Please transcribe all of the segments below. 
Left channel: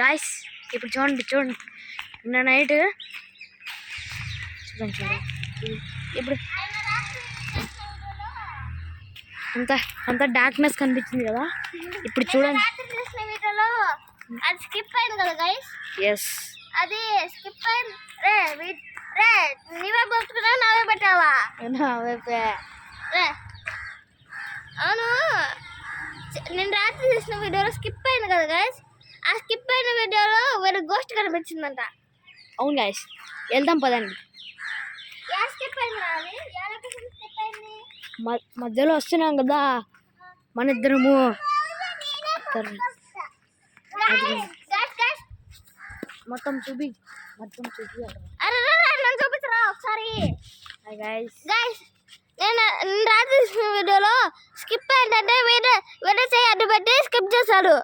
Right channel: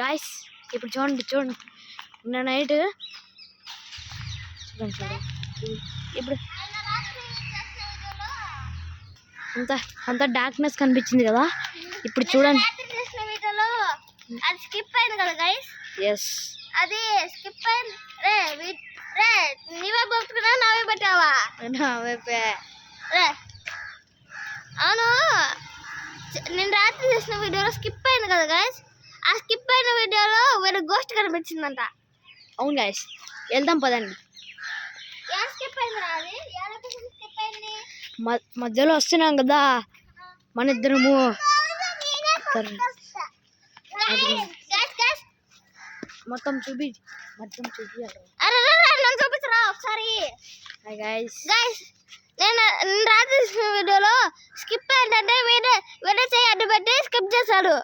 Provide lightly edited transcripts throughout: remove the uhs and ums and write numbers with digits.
Guys ఇప్పుడు చూడండి నిన్న నైట్ చూడండి ఇప్పుడు అంతా డార్క్నెస్ కనిపించింది కదా. ఇప్పుడు చూడండి అది స్కిప్ అయింది కదా గైస్. ఎస్ అది స్కిప్ అయింది. రే నీవే బతుకున్నా నావే పెట్టావా? రే అవును, నేను రాత్రి చూసిన వీడియోలో స్కిప్ అయింది కదా గైస్. ఆ స్కిప్ అయిన వీడియోలో వేరే గోస్ట్ కనిపించిందంట. అవును గైస్, వెళ్దాం పదండి. స్కిప్ అయింది రా, అది స్కిప్ అయింది. మధ్యలో వస్తున్నాం కదా మన ఇద్దరము. మొత్తం చూపి చూపించరా ఒకసారి. గైస్ నేను రాత్రి చూసిన వీడియోలో స్కిప్ ఏంటంటే వేరే చేయి అడ్డు పెట్టి స్కిప్ చేశాడు.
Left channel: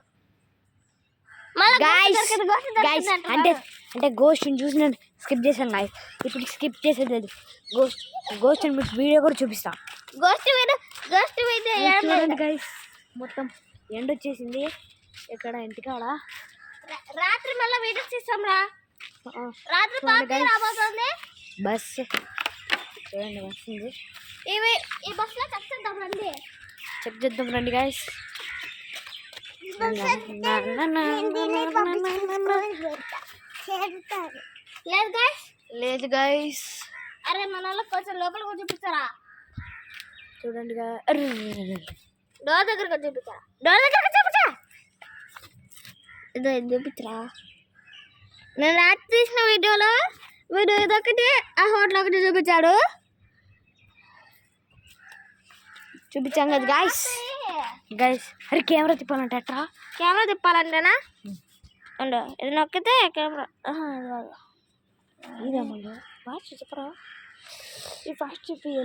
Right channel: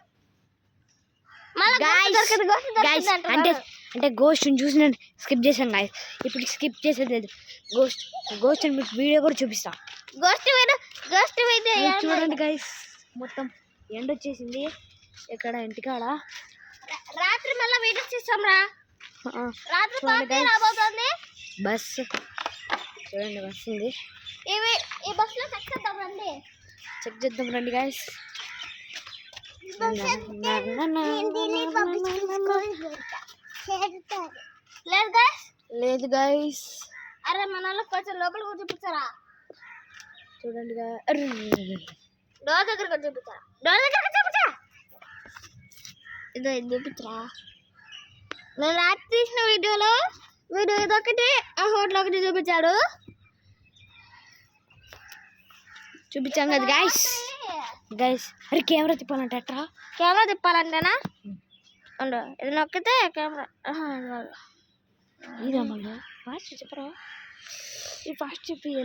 అంటే గోస్ట్ చూసి నేను స్కిప్ చేశాను గాయస్. ఇప్పుడు స్కిప్ చేసేది లేదు. గోస్ట్ అని వీడియో కూడా చూపిస్తా. గోస్ట్ వీడియో చూడండి గైస్, మొత్తం ఎండ వచ్చేసింది ఇక్కడ ఇంటికాడ. రాత్రి మళ్ళీ వీడియో చేస్తాం రా. రాత్రి రాబోతుంది బస్సు. చూడండి బస్సు ఉంది. ఈ బస్సులో చెక్ చేద్దాం రండి గైస్. లేదు గైస్. అరే మన కొంచెం లోపల కూడా చూపిస్తారా? చూడండి డోర్ దగ్గర చూపిస్తారా? డోర్ దగ్గర చూపించా. ఇదే చూపించరా. నేను రాత్రి తీసిన వీడియో ఇదొకటి, ఆ హోటల్ ఒకటి చూపించాడు. చూపించాం కదా గైస్. అరే కెమెరా తిప్పాలంటే అట్రా. కెమెరా తిప్పాలంటేనా? ఇది నొక్కితే కెమెరా. ఇదే మళ్ళీ ఫాస్ట్ చెప్పరా. ఈ ఫాస్ట్ చెప్పి